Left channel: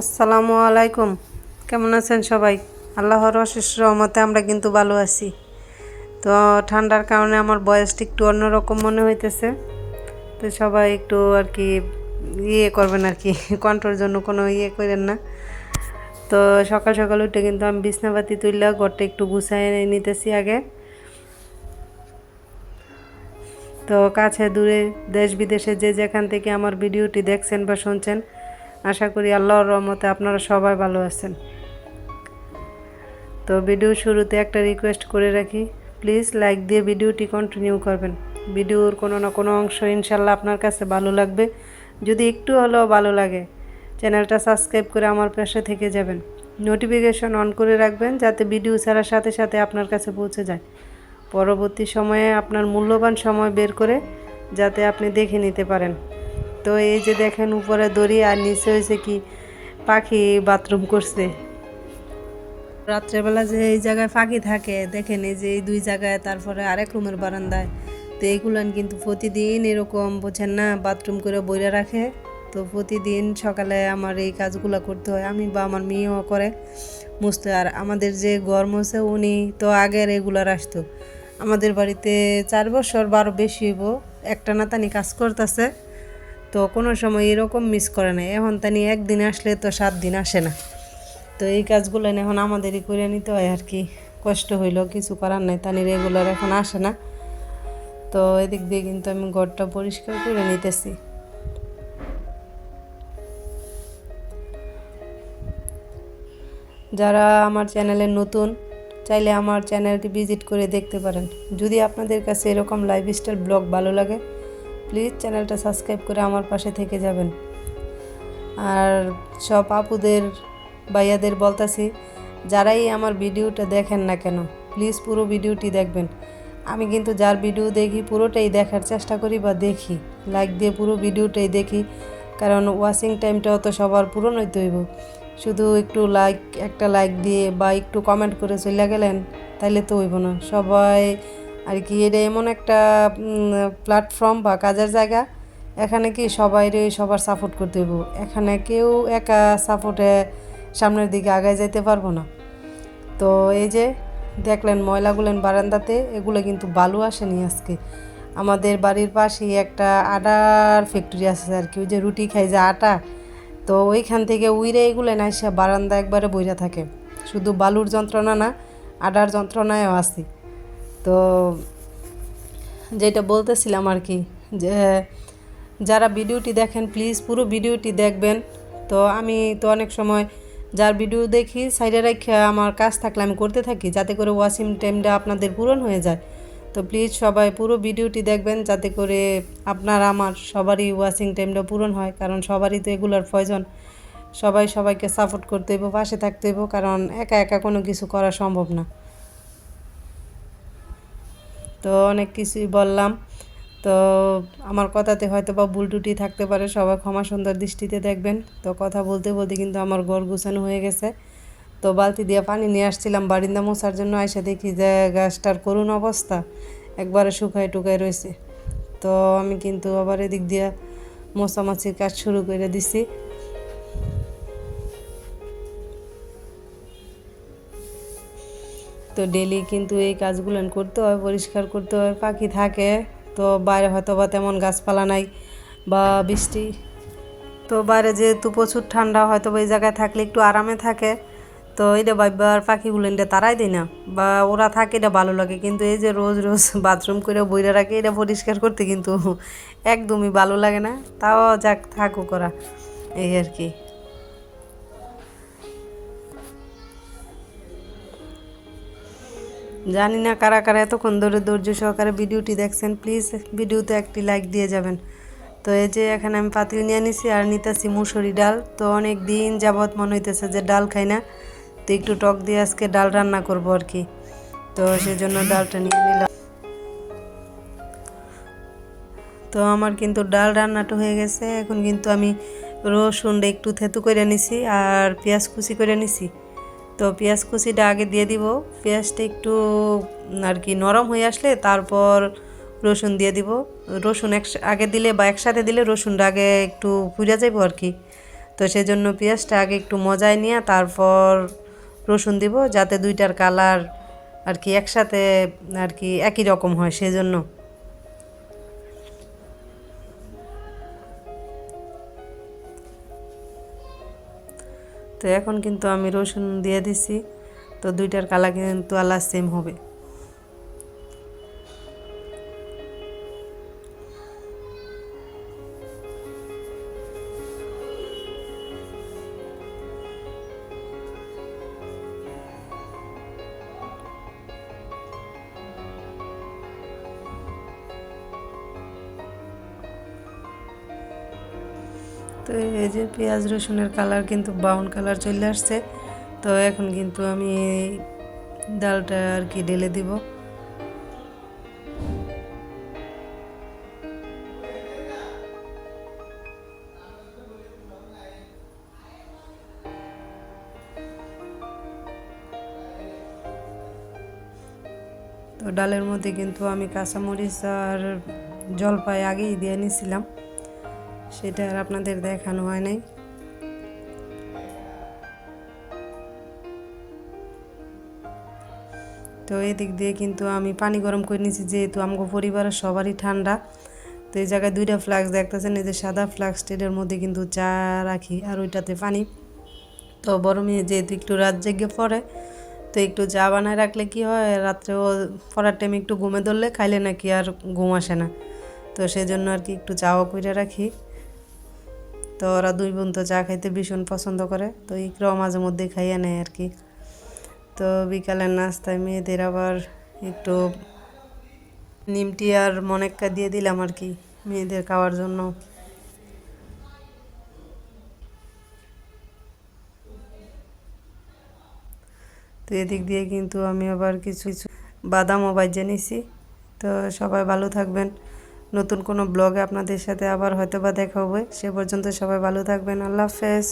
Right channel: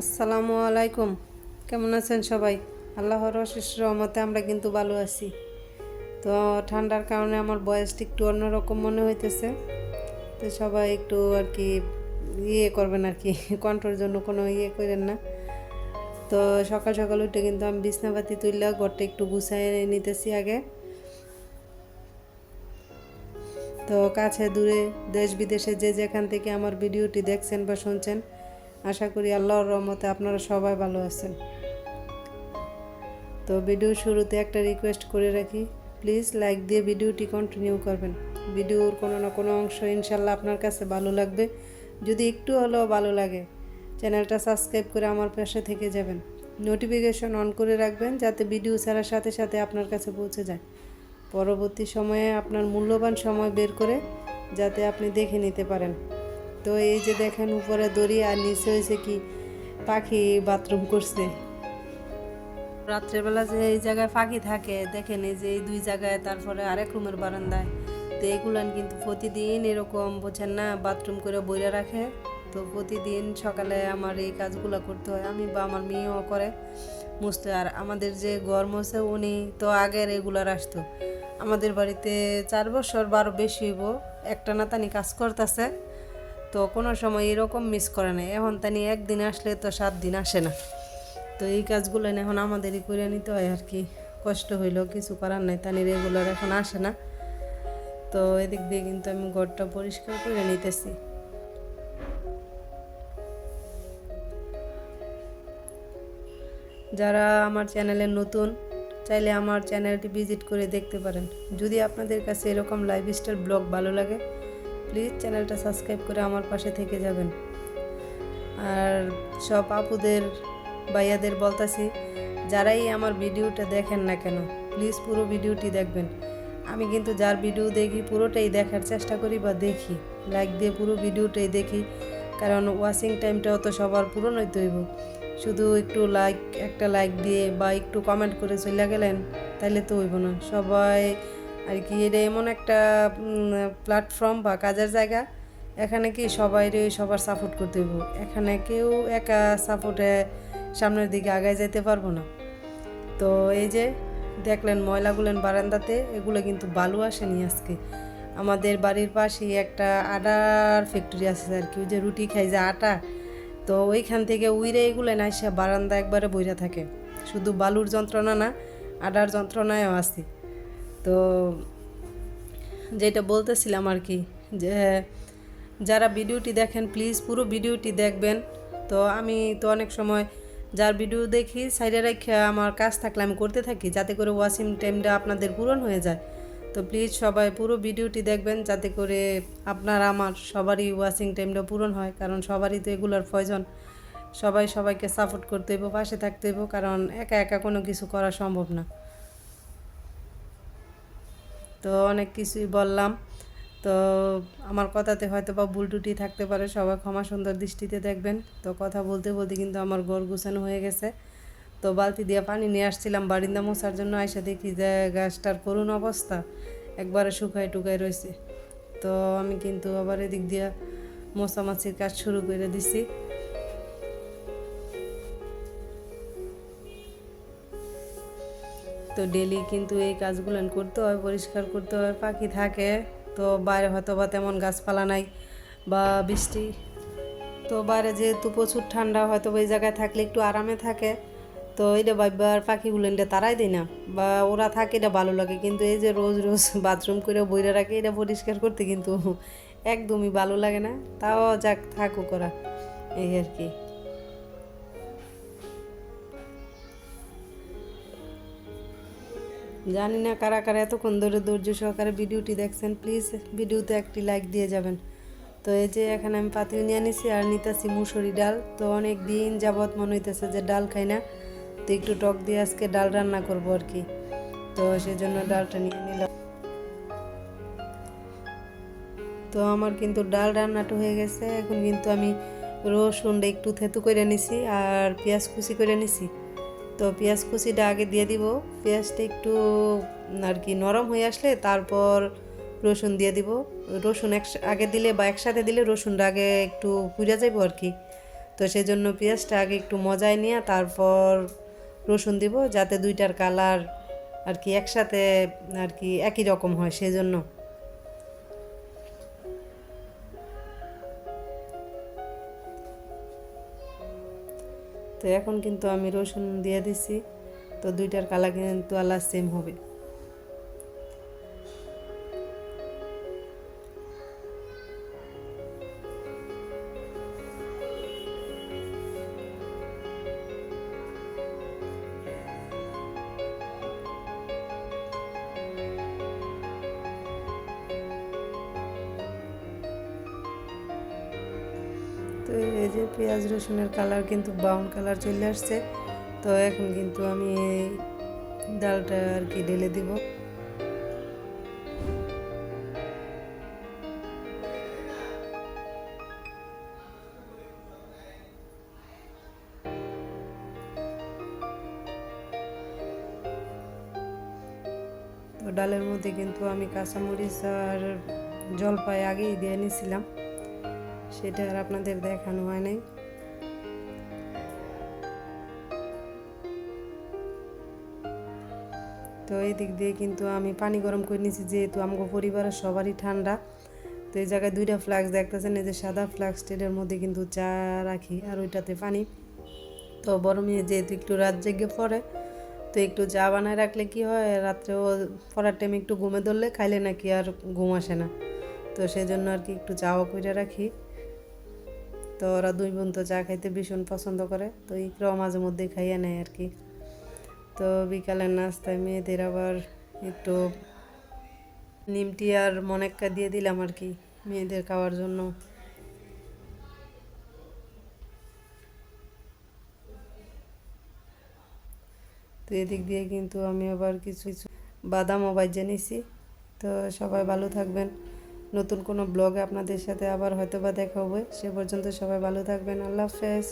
আসসালামু আলাইকুম। কেমন আছেন সবাই? আল্লাহর অশেষ রহমতে আমরা কিন্তু ভালো আছি। তো ঠান্ডার কারণে আমার বয়সটা একটু অন্যরকম মনে হইতেছে। তো সবাই একটু আর কি করবেন আর কি কন্ট্রোল জন্য কোনো করেন না। তো সকাল সকাল উঠে কিন্তু আমি বিছনাপাতি তুললে ঘরটা একটু গুছাই নিতেছি আগে। তো কাছে দূরে দেশ বিদেশে যে যেখান থেকে আমার ভিডিওটি দেখছেন বা শুনছেন, আশা করি আল্লাহর রহমতে আপনারা সবাই ভালো আছেন। তো ভিডিও শুরুতে একটা রিকোয়েস্ট করে রাখি, প্লিজ লাইক দিয়ে ভিডিওটি কন্টিনিউ করবেন। ভিডিওর কোনো না কোনো অংশ ইনশাল্লাহ আপনার কাছে ভালো লাগবে। যদি একটু হলেও ভালো লাগে, চ্যানেলটা সাবস্ক্রাইব করে আমার পাশে থেকে যাবেন। নোটিফিকেশন অন করে রাখবেন যাতে ভিডিও ছাড়ার সাথে সাথে আপনার কাছে পৌঁছে যায়। পরবর্তী সময়ে আপনার মূল্যবান সময় বের করে যাতে আপনি দেখে নিতে পারেন। তো এই যে দেখেন উপরে দড়ি আর নিচে হয়েছে কি পাখি বাথরুম করছে। রাত্রেবেলা যে এই জায়গায় ফাঁকি থাকে দেখেন, এই যে এই দুই জায়গায়, তারপরে আরেক রুমের বারান্দায়, তো এইগুলান কিন্তু প্রতিদিন এরকম বোঝেন না বাথরুম করে বইরা রাখে। তো প্রতিদিন সকালে আমার এই কাজগুলো করতে হয়, আমি বা আমার মেয়েও করে মুছতে। আর আমাদের যে ঘর মোছে উনি তো আগে রেগুলার আসতো আমাদের বাড়িতে 4 বছর 12 বেশি হইব একটা না তানি কাজ করতেছে। তো কোনো সময় এরকম মিস করে না, এখন তানি একদিন আসলে তো 7 দিন আসে না। তো এই কাজগুলো এখন আমাদেরই করে নিতে হয় আর কি। কষ্ট হইলেও কিছু করার নাই, তানি রেগুলার এখন আসে না। তো এদিক দিয়ে কিন্তু আমি ঘরটা পরিষ্কার করে নিতেছি। যারা আমার চ্যানেলে নতুন, চাইলে আমার চ্যানেলটি ভিজিট করে দেখতে পারেন। যদি আপনাদের কাছে এরকম লাইফস্টাইল ব্লগ ভালো লাগে, প্লিজ চ্যানেলটা সাবস্ক্রাইব করে আমার পাশে থেকে যাবেন। আর সব আপুদের ভাইয়াদের বলতাছি, যারাই আমার ভিডিওটা দেখেন না কেন, প্লিজ পুরো ভিডিওটি দেখবেন। আমি কিন্তু যার ভিডিও দেখি পুরোটাই দেখার চেষ্টা করি বা দেখি, লাইক দিয়ে পুরো ভিডিওটাই দেখি। কারণ ওয়াচিং টাইমটাও তো সবার পূরণ হইতে হইব। শুধু একটু একটা লাইক দিয়ে বা একটু কমেন্ট করে চলে গেলেন তাহলে তো হইব না। সবাই আর কি, এটা এমন একটা প্ল্যাটফর্ম বা কাজের জায়গা, এখানে কি সবার সাপোর্ট করতে হইব। এখানে কেউ একা সাপোর্টে সামনের দিকে আগায় যেতে পারবো না। তো এই যে দেখলেন ময়লাগুলেন বারান্দাতে, এগুলো কিন্তু বালু আসেনি আজকে। আমাদের বাড়ির পাশেই একটা আটার ফ্যাক্টরি আছে আর কি, ওই যে রুটি খাই যে আটা, তো ওইখান থেকে উইরে এগুলো না এসে বারান্দা একবারে বইরা থাকে। শুধু বালুর যন্ত্রণা না, আটার যন্ত্রণায়ও আছি। তো যেটা বলতেছিলাম আর কি, যে যারা ভিডিওটি দেখেন প্লিজ পুরো ভিডিওটি দেখবেন। তো আমি তো অনেক সময় যার ভিডিও দেখি সাইডে রেখে আমার কাজ থাকলে আমি করতে থাকি, যাতে করে ওয়াচিং টাইমটা আপনাদের পূরণ হয়ে যায়। তো প্লিজ সবাই পুরো ভিডিওটি দেখবেন যাতে করে আপনার আমার সবারই ওয়াচিং টাইমটা পূরণ হয়। কারণ সবারই তো এগুলোর প্রয়োজন। সবাই সবাইকে সাপোর্ট করতে হইব, পাশে থাকতে হইব, কারণ একা একা কোনো কিছু করা সম্ভব না। তো অনেক কিছুই বললাম। তো আমার কথাতে হয়তো বা ভুল ত্রুটি থাকতে পারে, সবাই ক্ষমা সুন্দর দৃষ্টিতে দেখবেন। তো কথা বলতে বলতে কিন্তু আমার ঘর গুছানো হয়ে গেছে। তো বালতি দিয়ে পানি নিয়ে আসছিলাম বারিন্দা মোছার জন্য, এসে দেখি যে গাছটার করুণ অবস্থা, একবারে শুকায় টুকায় রয়েছে। তো আমি কিন্তু আবার এদিক দিয়ে মোছামাছির কাজ শুরু করে দিছি। তো ডেলি কিন্তু এই কাজগুলো করতে হয়, পরিষ্কার করতে হয়। পাখি থাকে তো বাইরে হয়তো বা তেমন গাছপালা নাই বা বৃষ্টি, তো বাইরে যেহেতু প্রচুর ঠান্ডা, হয়তো বা এই জায়গায় থাকলে একটু আরামে থাকে। তো এটা ভাববার পাখিগুলো এটা তারাই দেয় না, বা ওরা থাকে এটা ভালো লাগে। কিন্তু এই যে রোজ রোজ বাথরুম করে বইরা রাখে, এটা পরিষ্কার করতে কিন্তু একদমই ভালো লাগে না। তাও যাক, থাকুক ওরা, এই আর কি। জানি না কারা কারা এতক্ষণ ধরে ধৈর্য সহকারে ভিডিওটি দেখছেন, প্লিজ ভিডিওতে একটি লাইক দিয়ে যাবেন। তো এই যে এখানে আমি পাতিল নিয়ে নিছি আর নিতেছি মুসুরি ডাল। তো অনেক দিন যাবৎ মনে হইতেছে যে ডাল খাই না, তো একটু টক দিয়ে আজকে ডাল রান্না করব আর কি। তো সেই জন্য ডালটা নিয়ে নিলাম। তো আমার কিন্তু ডাল রান্নাটা হয়ে গেছে। এখন কিন্তু আমি রসুনটা একটু থেতু করে নিছি আর পেঁয়াজ কুচি করে নিছি। তো পেঁয়াজ কুচিটা আগে দিয়ে দিব। পেঁয়াজটা একটু আর কি নরম হয়ে আসলে তারপর রসুন দিয়ে দিব। রসুন আগে দিলে বা একসাথে দিলে রসুনটা আগে একটু পুড়ে যাবো আর কি। তো সেই জন্য পেঁয়াজটা আগে একটু মজায় নিয়ে তারপর রসুন দিব, যাতে দুইটার কালার আর কি একসাথে আর কি একই রকম হয় সেই জন্য। তো এখন কিন্তু আমি রসুন দিয়ে দিছি, তো দুইটার কালার কিন্তু আলাদা সেম হবে। তো এই যে পেঁয়াজ রসুনের কালার কিন্তু ব্রাউন কালার চলে আসছে। তো এখন কিন্তু আমি ডালটা আর কি ঢেলে দিব। তো ডালের মধ্যে কিন্তু আমি কাঁচামরিচ আর জলপাই আগেই দিয়ে নিয়েছিলাম, সেটা আর আপনাদের দেখানো হয় নাই। তো এদিক দিয়ে কিন্তু আমি পানি গরম করে নিয়েছি, যেহেতু আমগো পরিবারের সবারই ঠান্ডা। তো এই জায়গায় দুইটা ফ্লাক্স দেখতেছেন, এই যে সাদা ফ্লাক্স, এটার মধ্যে কিন্তু চা রাখি আর ওইটাতে পানি। তো বড় মেয়ে যেহেতু একটু রাত জেগে পড়ে, তো একটু চা বানায় রাখলে কি হয়, রাত্রেও পড়ার টাইমে একটু ঘুমে ধরলে খাইলে নাকি আর ঘুম আসে না। তো সেই জন্য আর কি একটু চাও করে রাখি। তো ওরা দুই বোন তো চা খাইতে ভীষণ পছন্দ করে, তো ইকরাও মাঝে মধ্যে খাইয়ে নেয় আর কি। তো বিকালের নাস্তায় মেয়েদের আবার একটু নিমটি আর মনেক্কা দিয়ে দিলাম আর কি মেয়েদের খাওয়ার জন্য। তো এদিক দিয়ে কিন্তু আমি আবার কিছু কিছু বাদামও বাজিয়ে নিছি। তো সবাই ভালো থাকবেন, নতুন কোনো ব্লগে আপনাদের সাথে আবার হয়তো বা দেখা হবে। সে পর্যন্ত সবাই ভালো থাকবেন, আল্লাহ হাফেজ।